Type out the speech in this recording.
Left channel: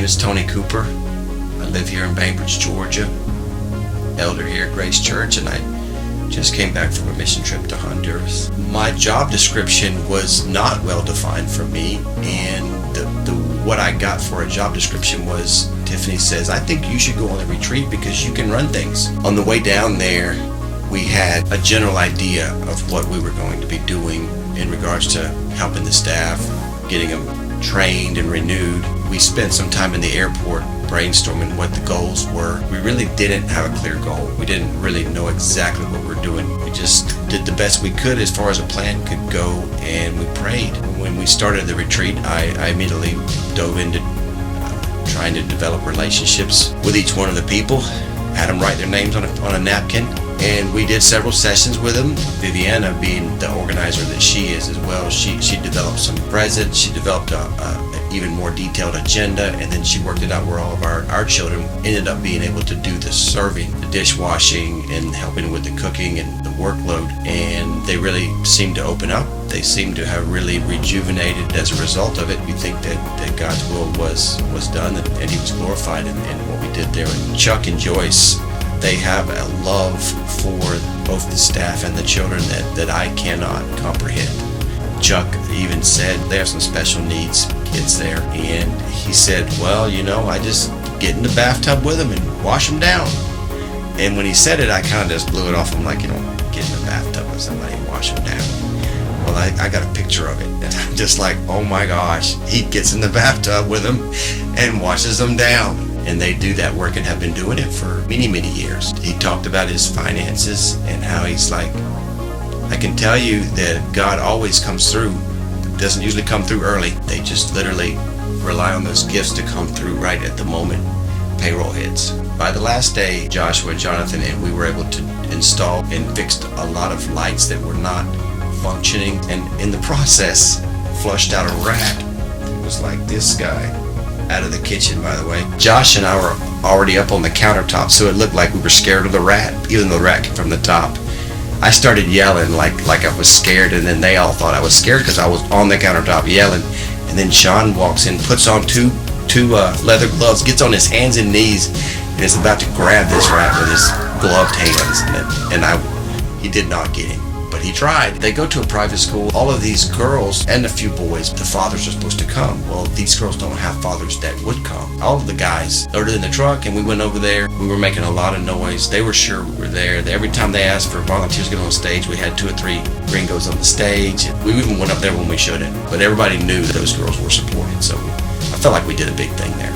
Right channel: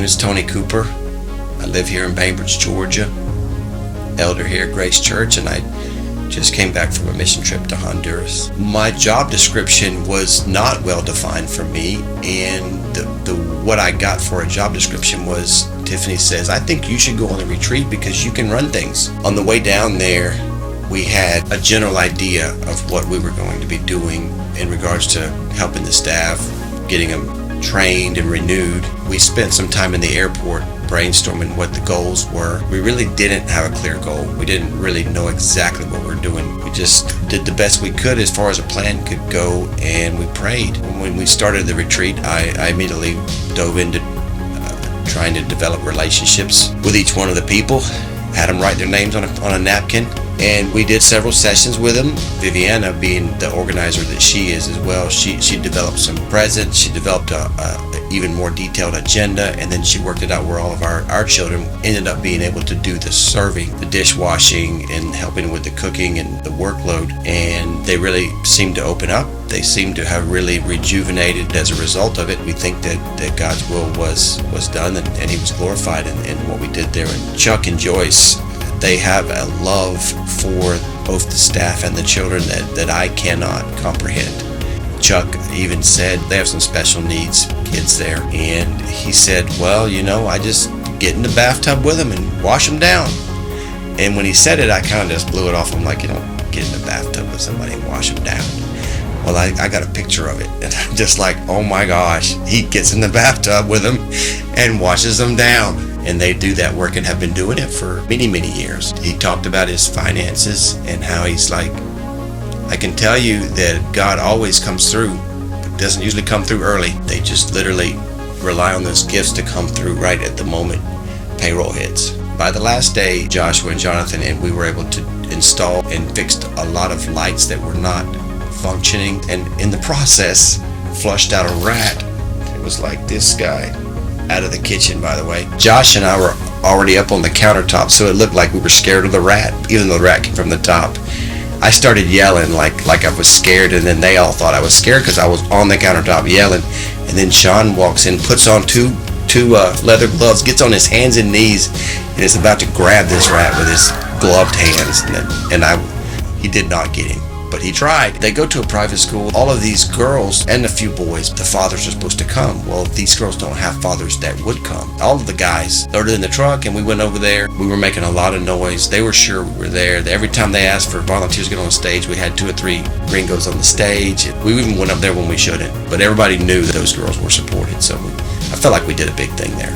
name is Tony Cooper. I live here in Bainbridge, Georgia. Elder here at Grace Church, and I just came back from a mission trip to Honduras. My job description was not well defined for me, and what I got for a job description was, Tiffany says, I think you should go on the retreat because you can run things. On the way down there, we had a general idea of what we were going to be doing in regards to helping the staff, getting them trained and renewed. We spent some time in the airport brainstorming what the goals were. We really didn't have a clear goal. We didn't really know exactly what we're doing. We just did the best we could as far as a plan could go, and we prayed. When we started the retreat, I immediately dove into trying to develop relationships with each one of the people, had them write their names on a napkin, and we did several sessions with them. Viviana, being the organizer that she is as well, she developed some presents, she developed a even more detailed agenda, and then she worked it out where all of our children ended up being able to do the serving, the dishwashing, and helping with the cooking and the workload. And they really seemed to open up. They seemed to have really rejuvenated as a result of it. We think that God's will was done, and He was glorified in what we did there. And Chuck and Joyce, they have a love for both the staff and the children that I cannot comprehend. Chuck even said they have some special needs kids there, and he said, well, I just get in the bathtub with them and wash them down. And when he said it, I kind of just blew it off. I'm like, get in the bathtub with somebody and wash them down. Well, I got a picture of it, and I'm just like, oh my gosh, he gets in the bathtub with them and washes them down. And they do that work and have been doing it for many, many years. He talked about his finances and how he's like, I can tell you that God always comes through. It doesn't usually come through early. They just literally rely on those gifts to come through right at the moment payroll hits. By the last day, Joshua and Jonathan and we were able to install and fixed a lot of lights that were not functioning, and in the process flushed out a rat. It was like this guy out of the kitchen, by the way. Josh and I were already up on the countertop, so it looked like we were scared of the rat, even though the rat came from the top. I started yelling like I was scared, and then they all thought I was scared because I was on the countertop yelling. And then Sean walks in, puts on two leather gloves, gets on his hands and knees, and is about to grab this rat with his gloved hands. He did not get him, but he tried. They go to a private school. All of these girls and a few boys, the fathers are supposed to come. Well, these girls don't have fathers that would come. All of the guys loaded in the truck, and we went over there. We were making a lot of noise. They were sure we were there. Every time they asked for volunteers to get on the stage, we had 2 or 3 gringos on the stage. We even went up there when we shouldn't, but everybody knew that those girls were supported, so I felt like we did a big thing there.